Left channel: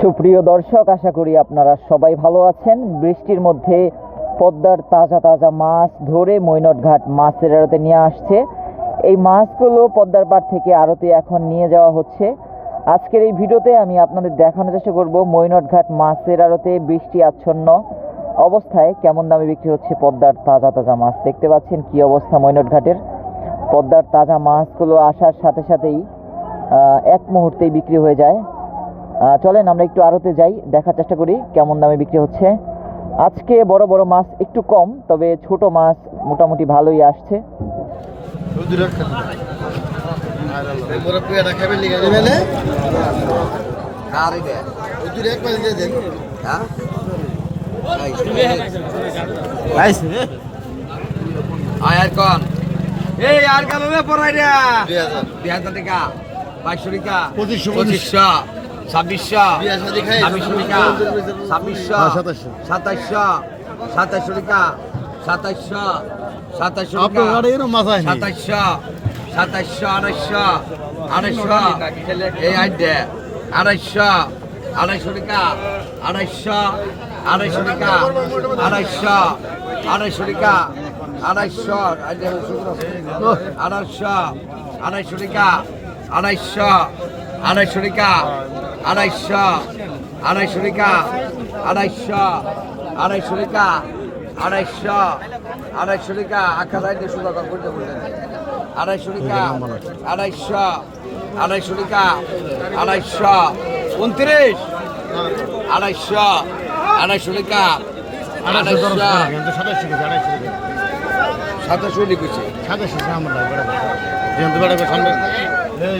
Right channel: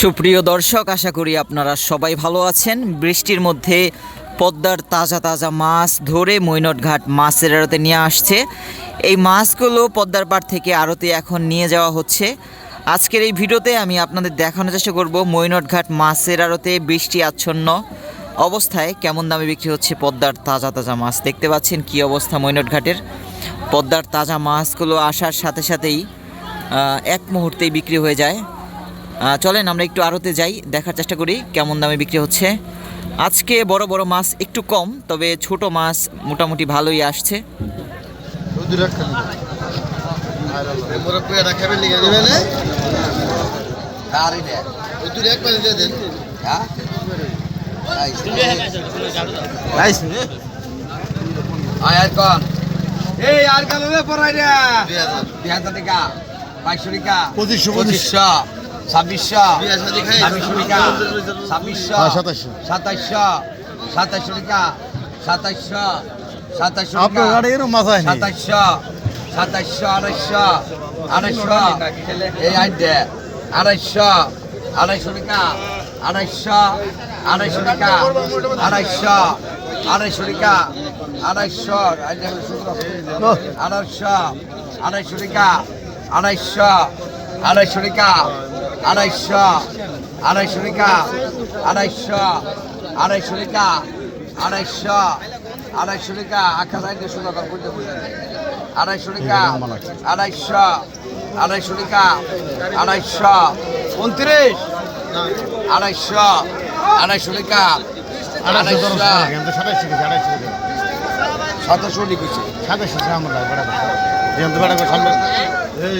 সুপ্রিয় দর্শক, আশা করি আপনারা সবাই ভালো আছেন। বৃষ্টির মধ্যে পদ্মার তাজা তাজা মাছ ধরে মৈনটঘাট মাছের আড়তে নিয়ে আসছে। এই মাছগুলো পদ্মার পাড় থেকে আড়তে এখন নিয়ে যাওয়া হচ্ছে। আজকের এই ভিডিওতে আমি আপনাদের দেখানোর চেষ্টা করব মৈনটঘাট মাছের আড়তে বৃষ্টি আচ্ছন্ন অবস্থায় কেমন দামে বিক্রি হচ্ছে পদ্মার তাজা তাজা মাছ। দেখতে পাচ্ছেন কি অবস্থা মৈনটঘাটের। পদ্মার তাজা মাছগুলো আসার সাথে সাথেই এক মুহূর্তেই বিক্রি হয়ে যায়। চলেন আমরা একটু আড়তে যাই দেখার চেষ্টা করি কেমন দামে বিক্রি হচ্ছে। আজকে বড় বড় মাছ একটু কম তবে ছোট মাছ মোটামুটি ভালোই আসছে। মুরব্বীরা খাবেন লিখে দেবে না ওই দুটো এক পানি দিয়ে দেন আয়ার কর এই আর কাল হবে পড়াই রে দুই হাজার। দুই হাজার টাকা। বাইশশো টাকা পঁচিশশো পঁচিশশো ছাব্বিশশো ছাব্বিশশো টাকা ছাব্বিশশো সাতাইশশো সাতাইশশো টাকা সাতাইশশো সাতাইশশো সাতাইশশো সাতাইশশো আড়াইশশো আড়াইশশো এই আইডে আড়াইশশো আড়াইশো টাকা আড়াইশশো আড়াইশো টাকা আড়াইশশো আড়াইশো টাকা আড়াইশশো আড়াইশশো আড়াইশো টাকা আড়াইশো আড়াইশো টাকা আড়াইশো আড়াইশো টাকা আড়াইশো আড়াইশো টাকা আড়াইশো আড়াইশো টাকা হাজার দুশো টাকা। আড়াইশো টাকা আড়াইশো আড়াইশো টাকা আড়াইশো উনত্রিশ আড়াইশো আড়াইশো টাকা আড়াইশো সাতাশো লিখেছে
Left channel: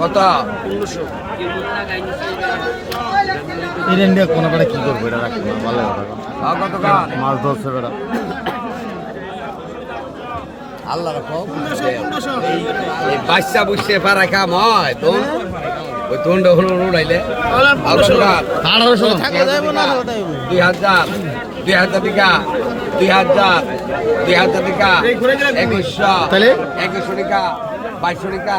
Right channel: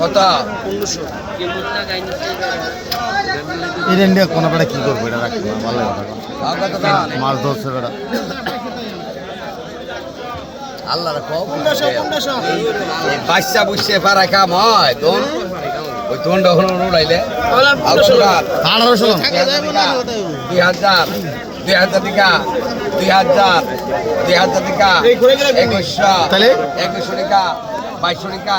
কত পনেরোশো কোনো করে কি করব? এটা ভালো কথা কত দাম? মাছ ধরছে বেড়া। আল্লাহ রাখো এই বাচ্চা বুঝছে পারা কাম হয় তোন ওই তোনটা হলো উড়াইলে? আঠারোশো দুই হাজার দুই হাজার। টাকা দুই হাজার। দুই হাজার টাকা একুশশো। তাহলে? একুশশো টাকা বাইশশো টাকা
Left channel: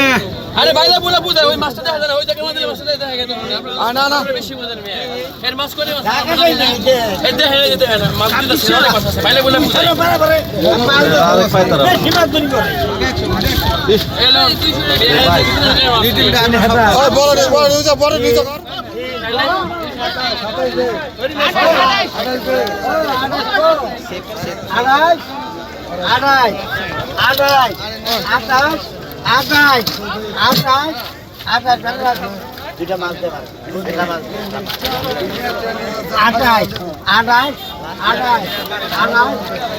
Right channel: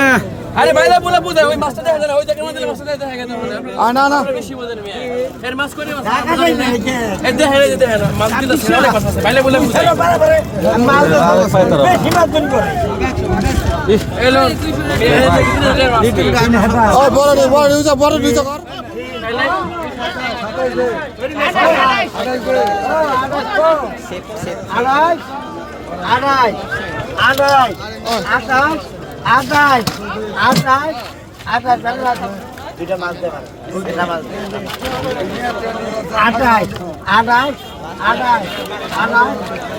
আরে ভাইলা বলে বুঝে ওই মাছটা দেখা যায় না, ওই জায়গার মধ্যে মাছটা দেখা গেছে আপনারা বেশি বোঝেন মেয়ে। এর মাছ করে মাছ? এর দেখা যায় দেখা না মাছ দিলে সে অনেক মাছ আছে ভাইলা বলে বুঝে এলো বড় রে বড় নিউজ বড় নিউজ কর আড়াই আড়াই আড়াই আঠাশ। আঠাশ আঠাশ আঠাশ দুটা মাছ আঠাশ আঠাশ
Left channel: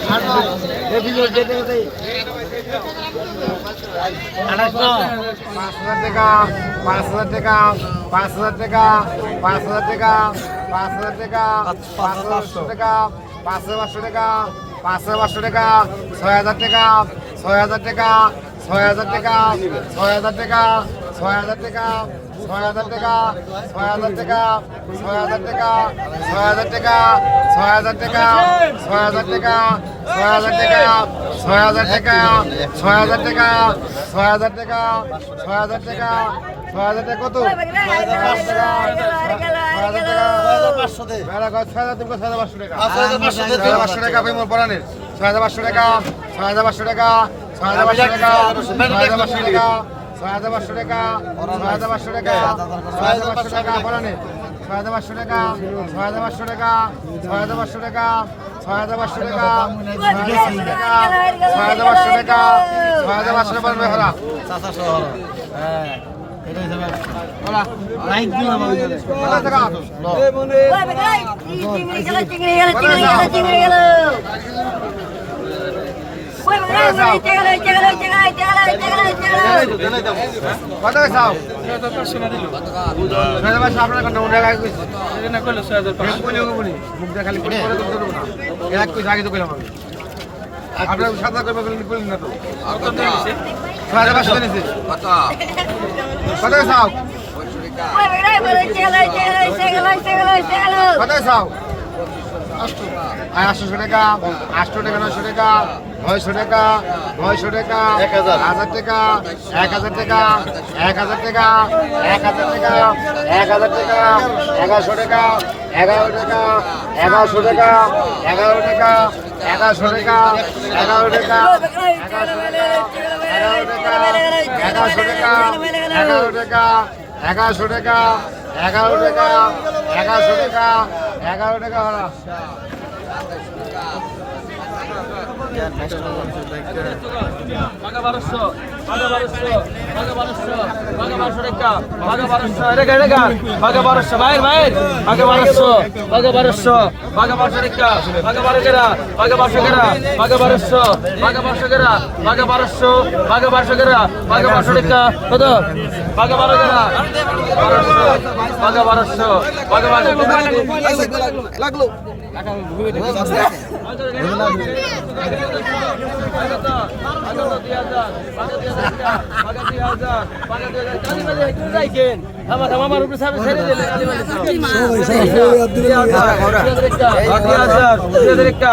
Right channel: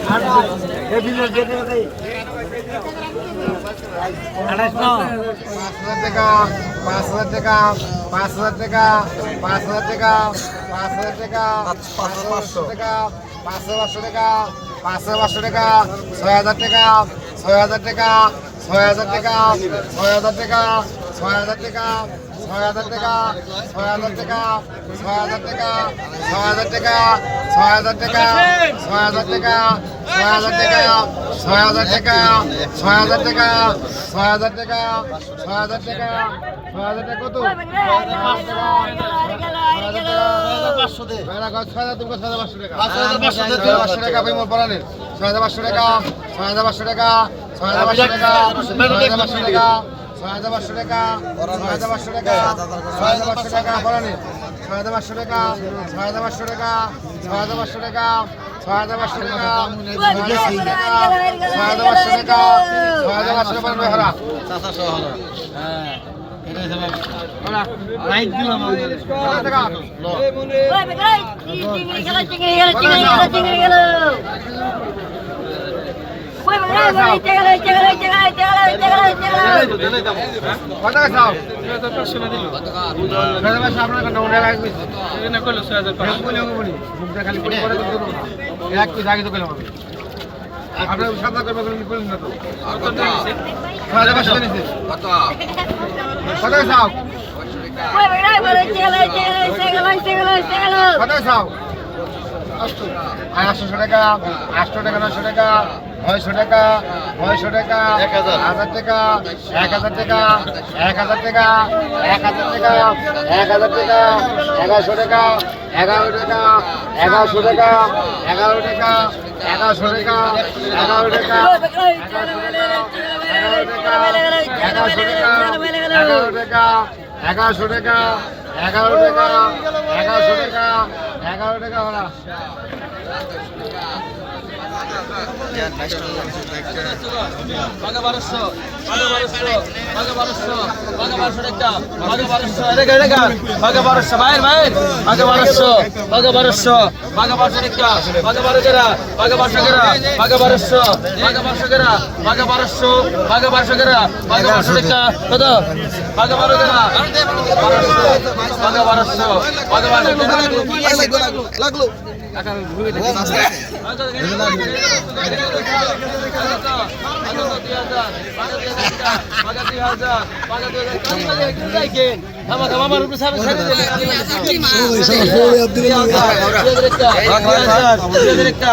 আঠাশ বিভিন্ন যেতে যেতে আঠাশ পাঁচ হাজার টাকা, পাঁচ হাজার টাকা, পাঁচ হাজার টাকা, পাঁচ হাজার টাকা, পাঁচ হাজার টাকা, পাঁচ হাজার টাকা, পাঁচ হাজার পাঁচশো টাকা, পাঁচ হাজার পাঁচশো টাকা, ছয় হাজার টাকা, ছয় হাজার টাকা ছয় হাজার টাকা ছয় হাজার টাকা ছয় হাজার টাকা ছয় হাজার টাকা ছয় হাজার টাকা ছয় হাজার টাকা ছয় হাজার টাকা ছয় হাজার টাকা ছয় হাজার টাকা ছয় হাজার টাকা ছয় হাজার টাকা ছয় হাজার টাকা ছয় হাজার টাকা ছয় হাজার টাকা ছয় হাজার টাকা কত ছয় হাজার টাকা ছয় হাজার টাকা ছয় হাজার পাঁচশো টাকা ছয় হাজার পাঁচশো টাকা আপনি মোর পড়ানের ছয় হাজার পাঁচশো টাকা ছয় হাজার পাঁচশো টাকা ছয় হাজার পাঁচশো টাকা ছয় হাজার পাঁচশো টাকা ছয় হাজার পাঁচশো টাকা ছয় হাজার পাঁচশো টাকা ছয় হাজার পাঁচশো টাকা পড়ানের ছয় হাজার পাঁচশো টাকা ছয় হাজার পাঁচশো টাকা ছয় হাজার পাঁচশো টাকা ছয় হাজার পাঁচশো টাকা ছয় হাজার পাঁচশো টাকা ছয় হাজার পাঁচশো টাকা ছয় হাজার পাঁচশো টাকা হারা লাইট দিলাম কত টাকা কত টাকা চাও ছয় হাজার পাঁচশো আপনার সাদা করে বলেন বলেন না তো ছয় হাজার পাঁচশো নিয়েছে কত কত কত চাও আটশো টাকা আটশো টাকা নশো টাকা নয়শো টাকা নয়শো টাকা এক হাজার টাকা এক হাজার টাকা এক হাজার টাকা এক হাজার টাকা এক হাজার টাকা এগারোশো টাকা এগারো টাকা এগারোশো টাকা এগারো টাকা এগারোশো টাকা এগারো টাকা এগারোশো টাকা এগারো টাকা এগারোশো টাকা এগারো টাকা এগারোশো টাকা এগারো টাকা এগারোশো টাকা এগারো টাকা হলা বারোশো বাঘা বারোশো টাকা আমার উপরে সামনে ছেড়ে দিলে দুই হাজার দুই হাজার একটা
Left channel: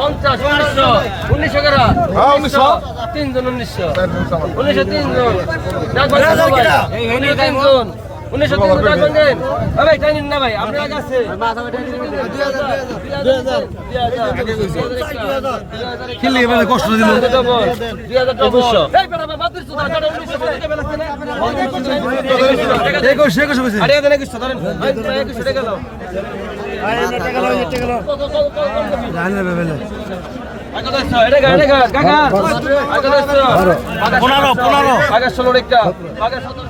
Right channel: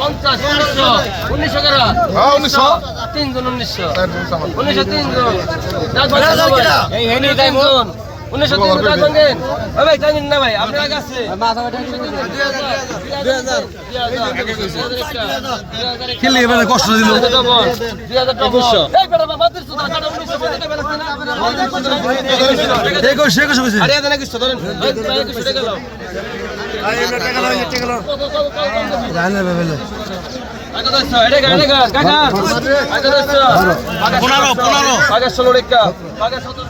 পঞ্চাশ উনিশশো উনিশশো কেরা উনিশশো তিনজন উনিশশো উনিশশো তিনজন তিনজন উনিশশো ভাঙেন ও ভাই জানেন না ভাই আপনার কাছে খেলি মানে কষ্ট দিল টাকা পনেরো পনেরো। আগে ষোলো রেখা আগে সতেরো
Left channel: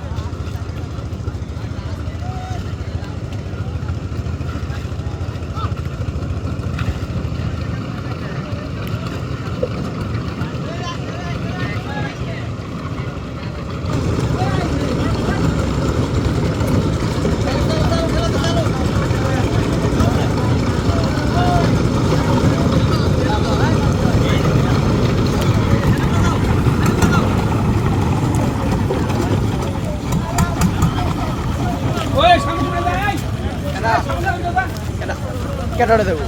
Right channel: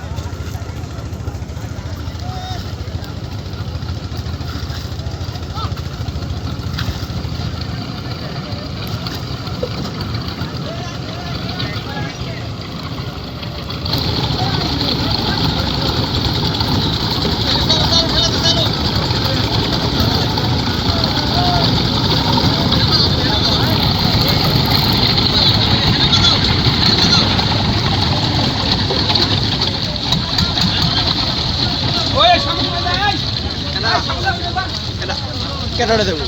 কেটে দেবো